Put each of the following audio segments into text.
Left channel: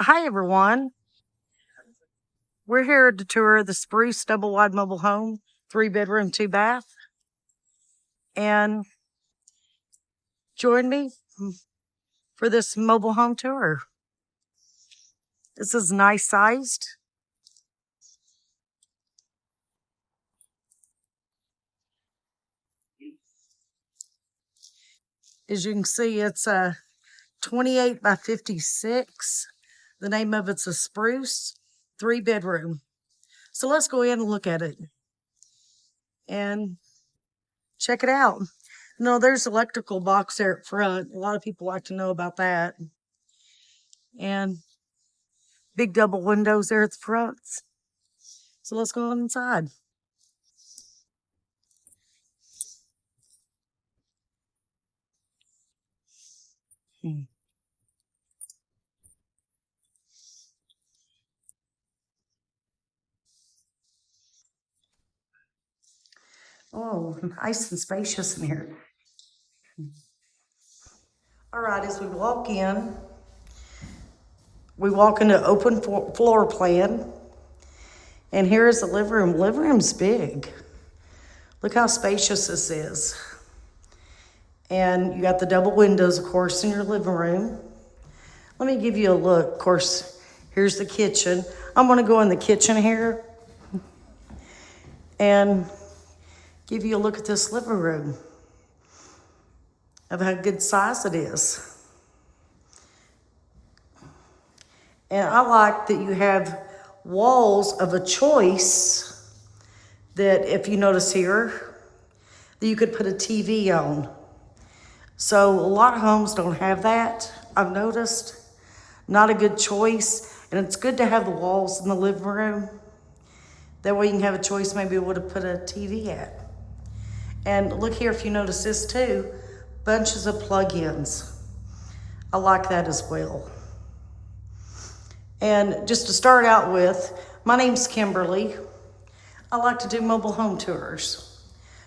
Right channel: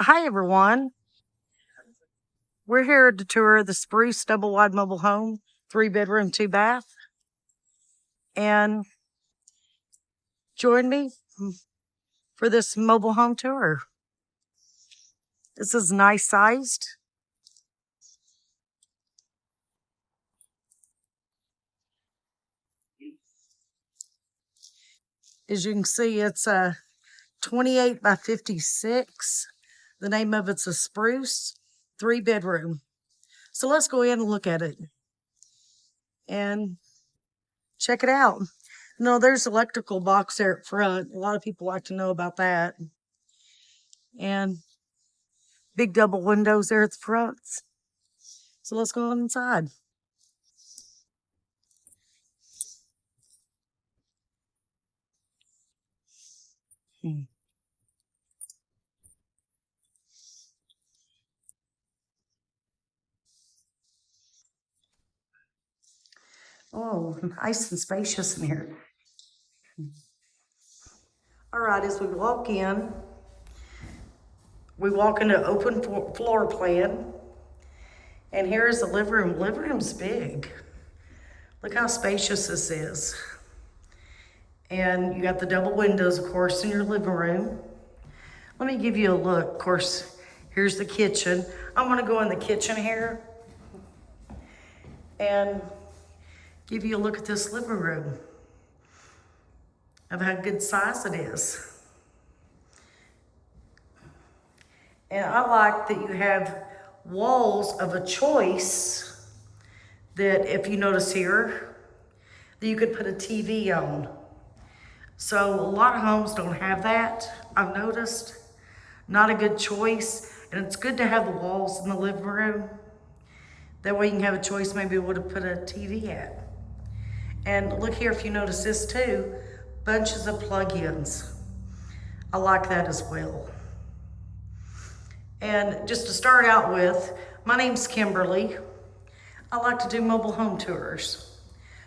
Hi, everyone. We're here to tour the Spruce double wide mobile home, 3 bedroom, 2 bath. And join me for this mobile home tour. This is nice sized. As you can see, it's a 28 by 56. The name of it's a Spruce 3 bedroom. So let's go in and look at it and check it out. No, there's electrical box there at front. A lot of people like to know about that. And big double windows there at the front. So let's go on inside. Hmm. Oh, nice and spacious in here. All right, as we walk into open floor plan, and here is the living room. Living room's big. Look how spacious this is. And you got the double windows, of course, in your living room. Let me give you a look. Of course, here's the kitchen. I'm gonna go in the kitchen here and give you a look at this living room of how good size it is. And I like that you have walls of a choice that, if you notice here, that you could put a TV on. So a lot of homes don't have that, I've noticed. Not a good choice. And it's good to have the walls in the living room. That way you can have a choice maybe where to put a TV at. And look here, if you notice this too, bunches of plug-ins. I like that as well. And just to start out with, my name's Kimberly. I like to do mobile home tours.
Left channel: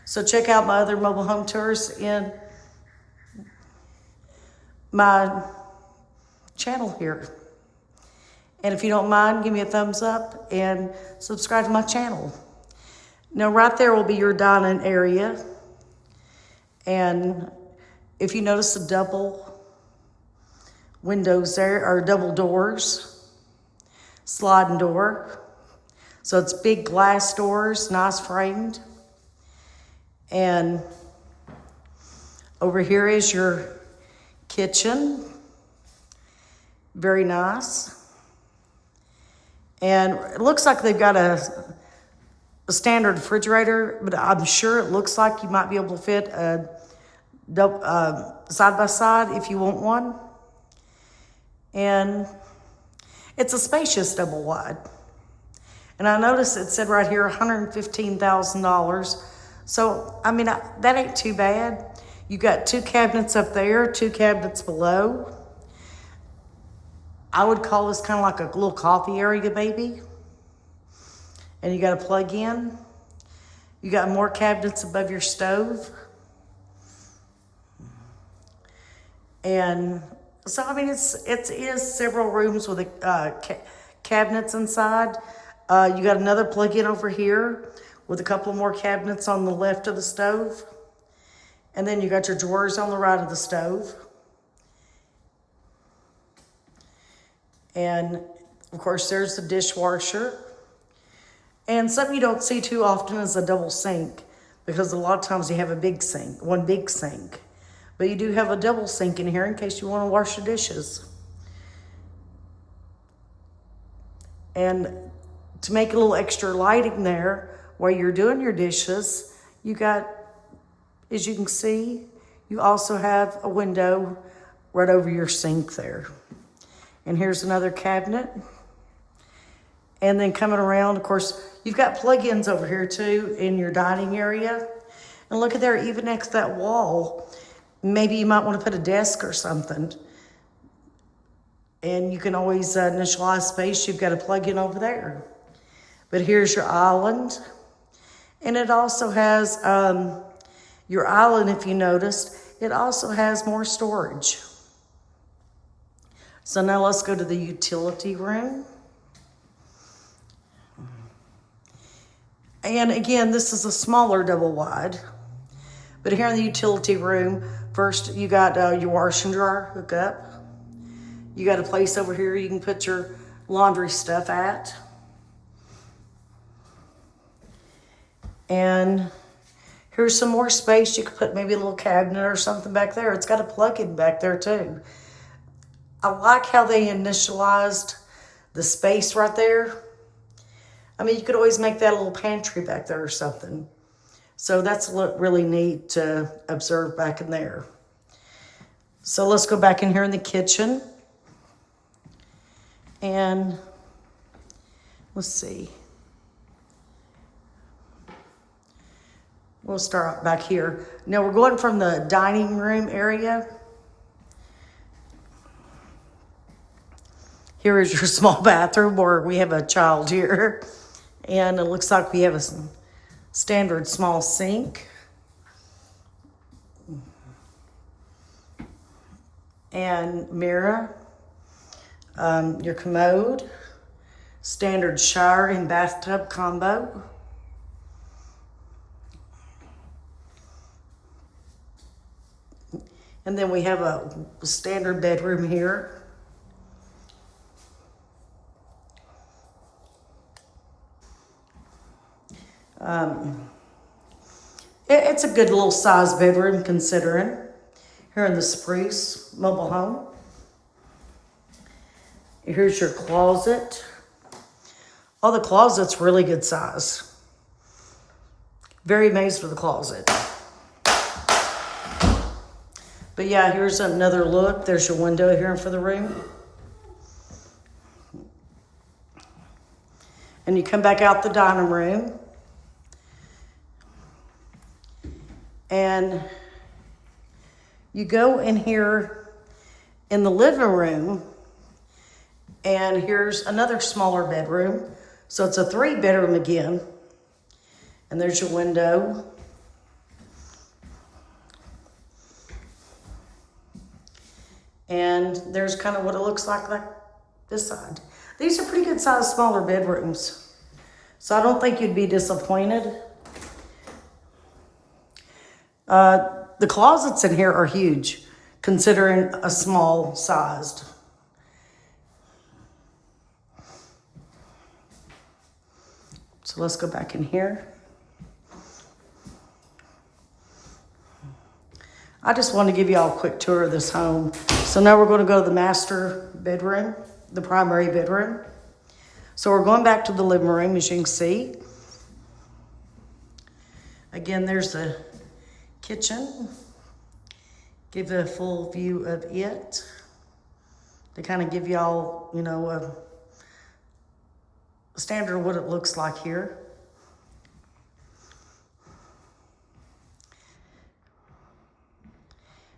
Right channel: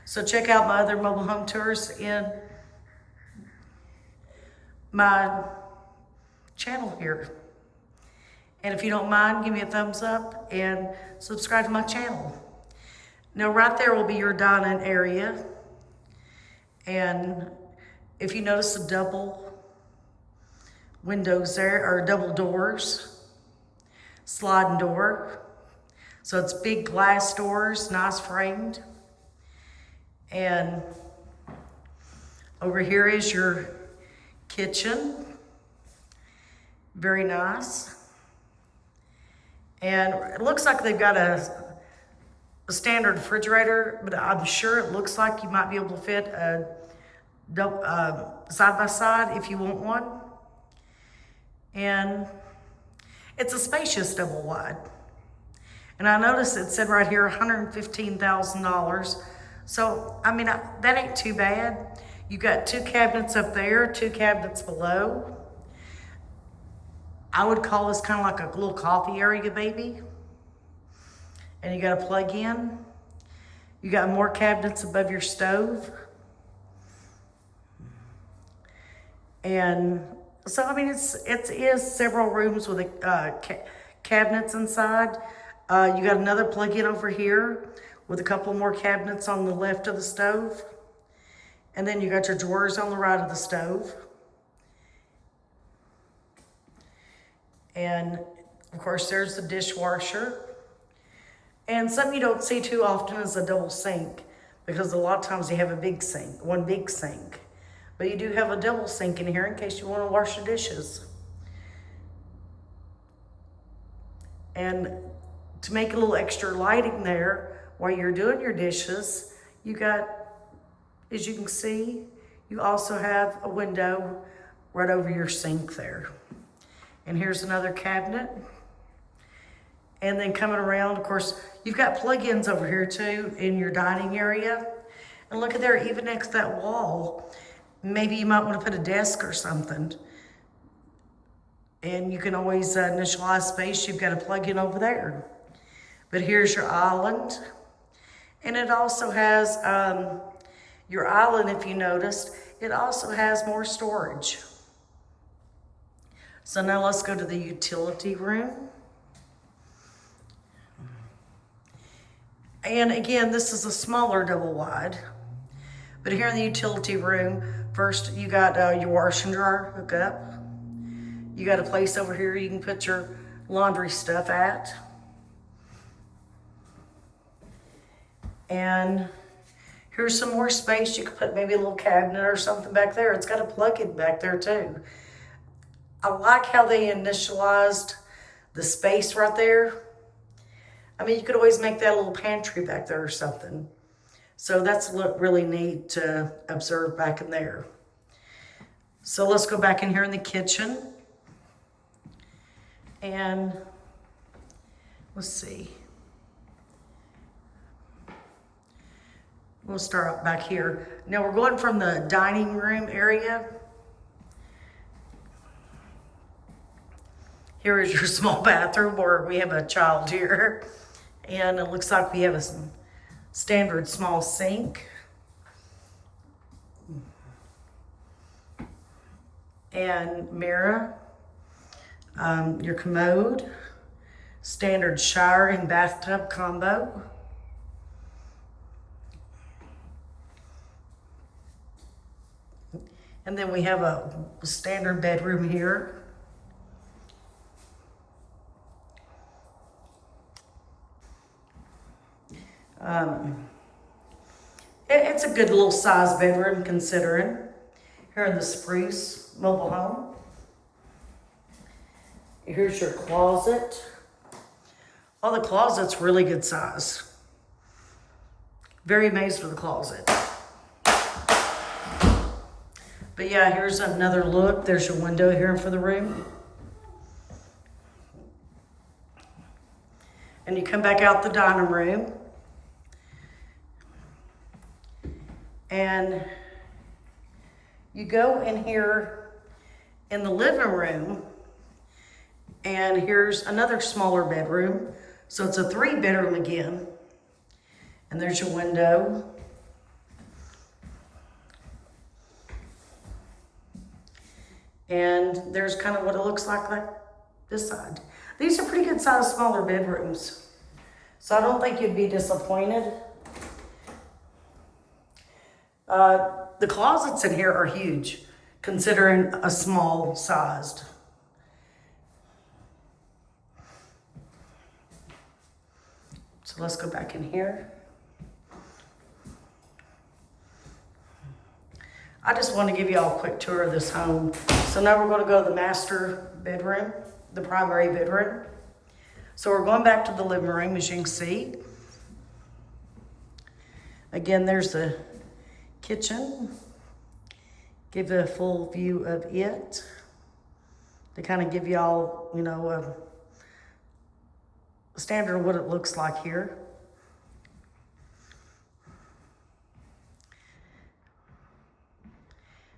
So check out my other mobile home tours in my channel here. And if you don't mind, give me a thumbs up and subscribe to my channel. Now right there will be your dining area. And if you notice the double windows there, or double doors, sliding door. So it's big glass doors, nice framed. And over here is your kitchen. Very nice. And it looks like they've got a standard refrigerator, but I'm sure it looks like you might be able to fit a side by side if you want one. And it's a spacious double wide. And I noticed it said right here $115,000. So, I mean, that ain't too bad. You got 2 cabinets up there, 2 cabinets below. I would call this kind of like a little coffee area, maybe. And you got a plug in. You got more cabinets above your stove. And so, I mean, it is several rooms with cabinets inside. You got another plug-in over here with a couple more cabinets on the left of the stove. And then you got your drawers on the right of the stove. And of course, there's the dishwasher. And something you don't see too often is a double sink, because a lot of times you have a big sink, one big sink. But you do have a double sink in here in case you want to wash your dishes. And to make a little extra lighting there while you're doing your dishes, you got, as you can see, you also have a window right over your sink there. And here's another cabinet. And then coming around, of course, you've got plug-ins over here too in your dining area. And look at there, even next to that wall, maybe you might want to put a desk or something. And you can always initialize space. You've got a plug-in over there. But here's your island. And it also has your island, if you noticed, it also has more storage. So now let's go to the utility room. And again, this is a smaller double wide. But here in the utility room, first you got your washer and dryer hookup. You got a place over here you can put your laundry stuff at. And here's some more space. You could put maybe a little cabinet or something back there. It's got a plug-in back there too. I like how they initialized the space right there. I mean, you could always make that a little pantry back there or something. So that's really neat to observe back in there. So let's go back in here in the kitchen. And let's see. We'll start back here. Now we're going from the dining room area. Here is your small bathroom where we have a child here. And it looks like we have a standard small sink. And mirror. Your commode. Standard shower and bathtub combo. And then we have a standard bedroom here. It's a good little size bedroom considering. Here in the Spruce mobile home. Here's your closet. Oh, the closet's really good size. Very amazed with the closet. But yeah, here's another look. There's your window here for the room. And you come back out the dining room. And you go in here in the living room. And here's another smaller bedroom. So it's a 3-bedroom again. And there's your window. And there's kind of what it looks like this side. These are pretty good sized smaller bedrooms. So I don't think you'd be disappointed. The closets in here are huge, considering a small sized. So let's go back in here. I just want to give you all a quick tour of this home. So now we're going to go to the master bedroom, the primary bedroom. So we're going back to the living room, as you can see. Again, there's the kitchen. Give a full view of it. To kind of give you all, you know, a standard of what it looks like here.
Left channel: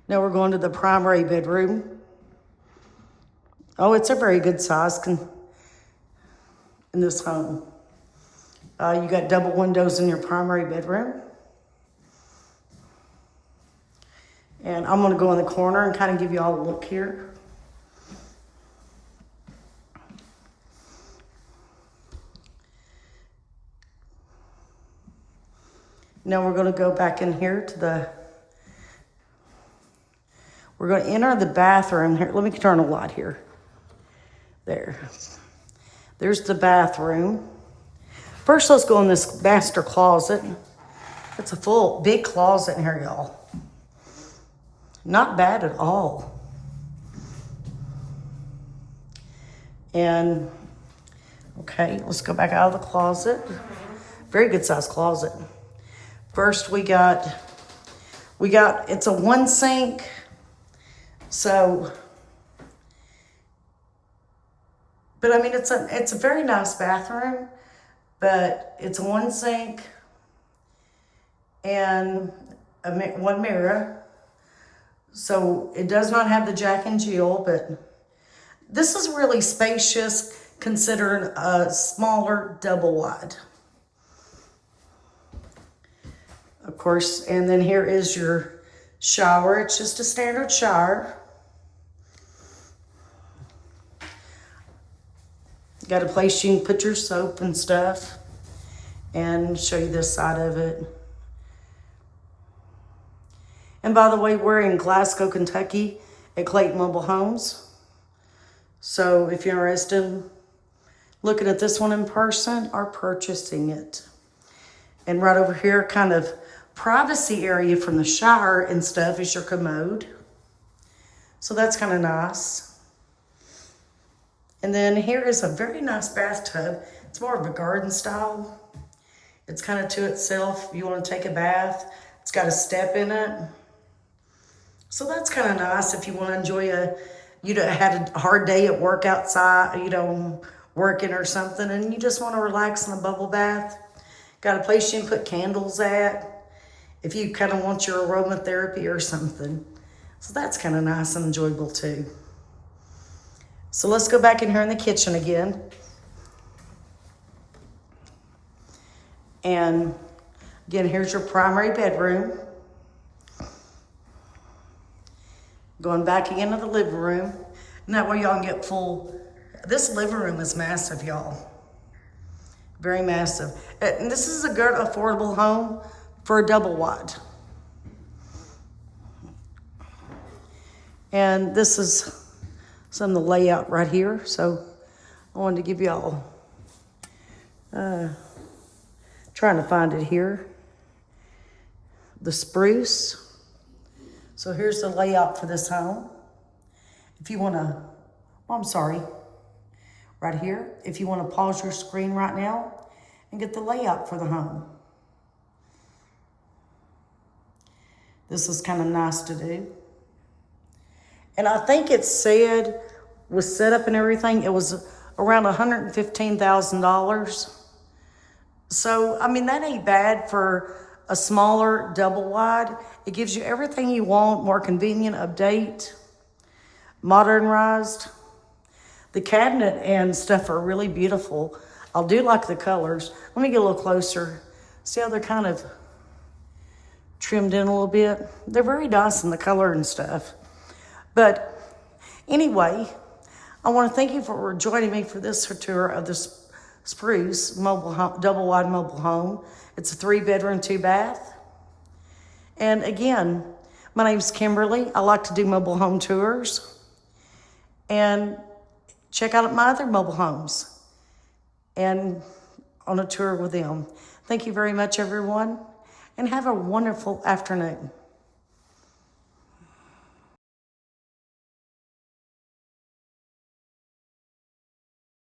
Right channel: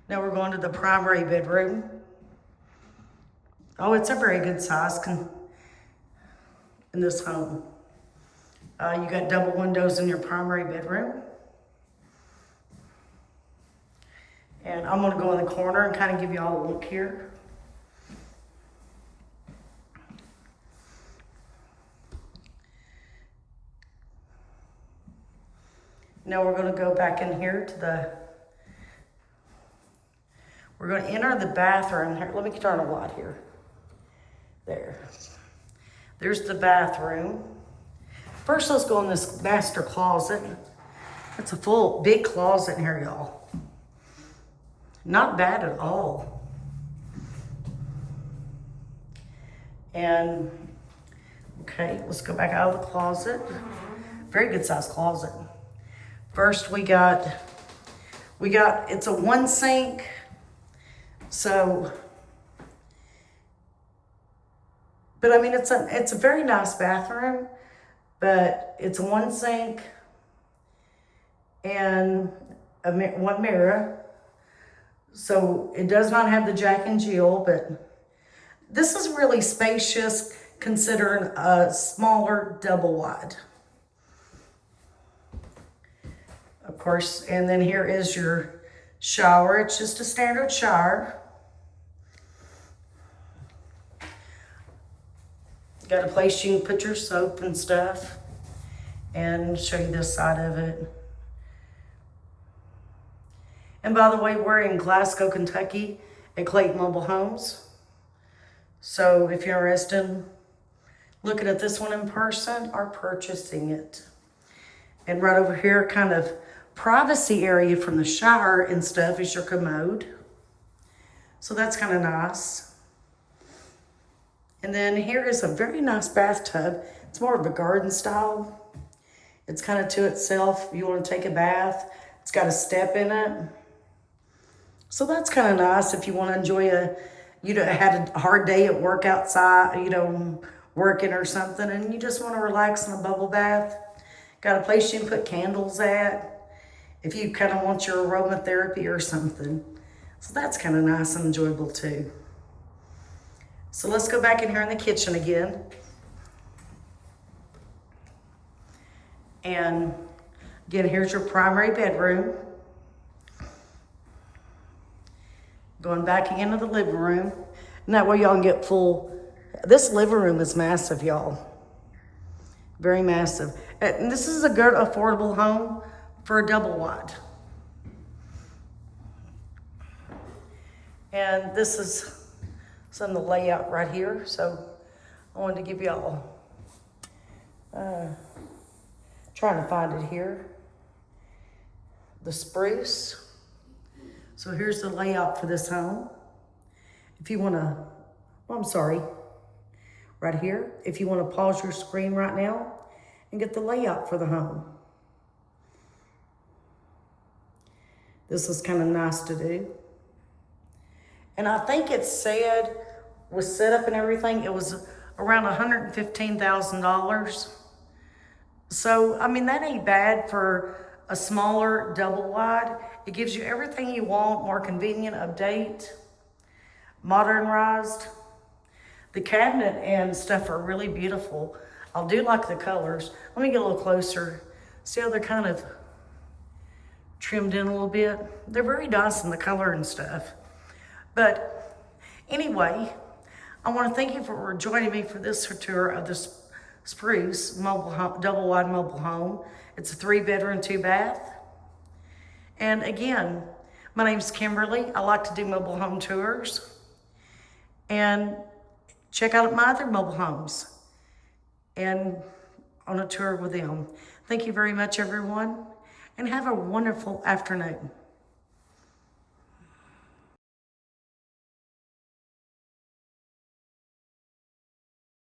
Now we're going to the primary bedroom. Oh, it's a very good size in this home. You got double windows in your primary bedroom. And I'm gonna go in the corner and kind of give you all a look here. Now we're gonna go back in here to we're going to enter the bathroom here. Let me turn a light here. There. There's the bathroom. First, let's go in this master closet. It's a full, big closet in here, y'all. Not bad at all. And, okay, let's go back out of the closet. Very good sized closet. First, we got, it's a 1 sink. So, but I mean, it's a very nice bathroom, but it's a 1 sink and 1 mirror. So it does not have the Jack and Jill, but this is really spacious considering a smaller double wide. Of course, and then here is your shower. It's just a standard shower. Got a place you can put your soap and stuff, and show you this side of it. And by the way, we're in Glasgow, Kentucky at Clayton Mobile Homes. So if you're interested in looking at this one in person or purchasing it. And right over here, kind of privacy area from the shower and stuff is your commode. So that's kind of nice. And then here is a very nice bathtub. It's more of a garden style. It's kind of to itself. You want to take a bath. It's got a step in it. So that's kind of nice if you want to enjoy had a hard day at work outside, working or something, and you just want to relax in a bubble bath. Got a place you can put candles at if you kind of want your aromatherapy or something. So that's kind of nice and enjoyable too. So let's go back in here in the kitchen again. And again, here's your primary bedroom. Going back again to the living room. And that way y'all can get full. This living room is massive, y'all. Very massive. And this is a good, affordable home for a double wide. And this is some of the layout right here. So I wanted to give y'all, trying to find it here. The Spruce. So here's the layout for this home. If you wanna, right here. If you wanna pause your screen right now and get the layout for the home. This is kind of nice to do. And I think it said, was set up and everything, it was around $115,000. So, I mean, that ain't bad for a smaller double wide. It gives you everything you want, more convenient, update, modernized. The cabinet and stuff are really beautiful. I do like the colors. Let me get a little closer. See how they're kind of trimmed in a little bit? They're very nice in the color and stuff. But anyway, I want to thank you for joining me for this tour of the Spruce mobile home, double wide mobile home. It's a 3-bedroom, 2-bath. And again, my name's Kimberly. I like to do mobile home tours. And check out my other mobile homes and on a tour with them. Thank you very much, everyone, and have a wonderful afternoon.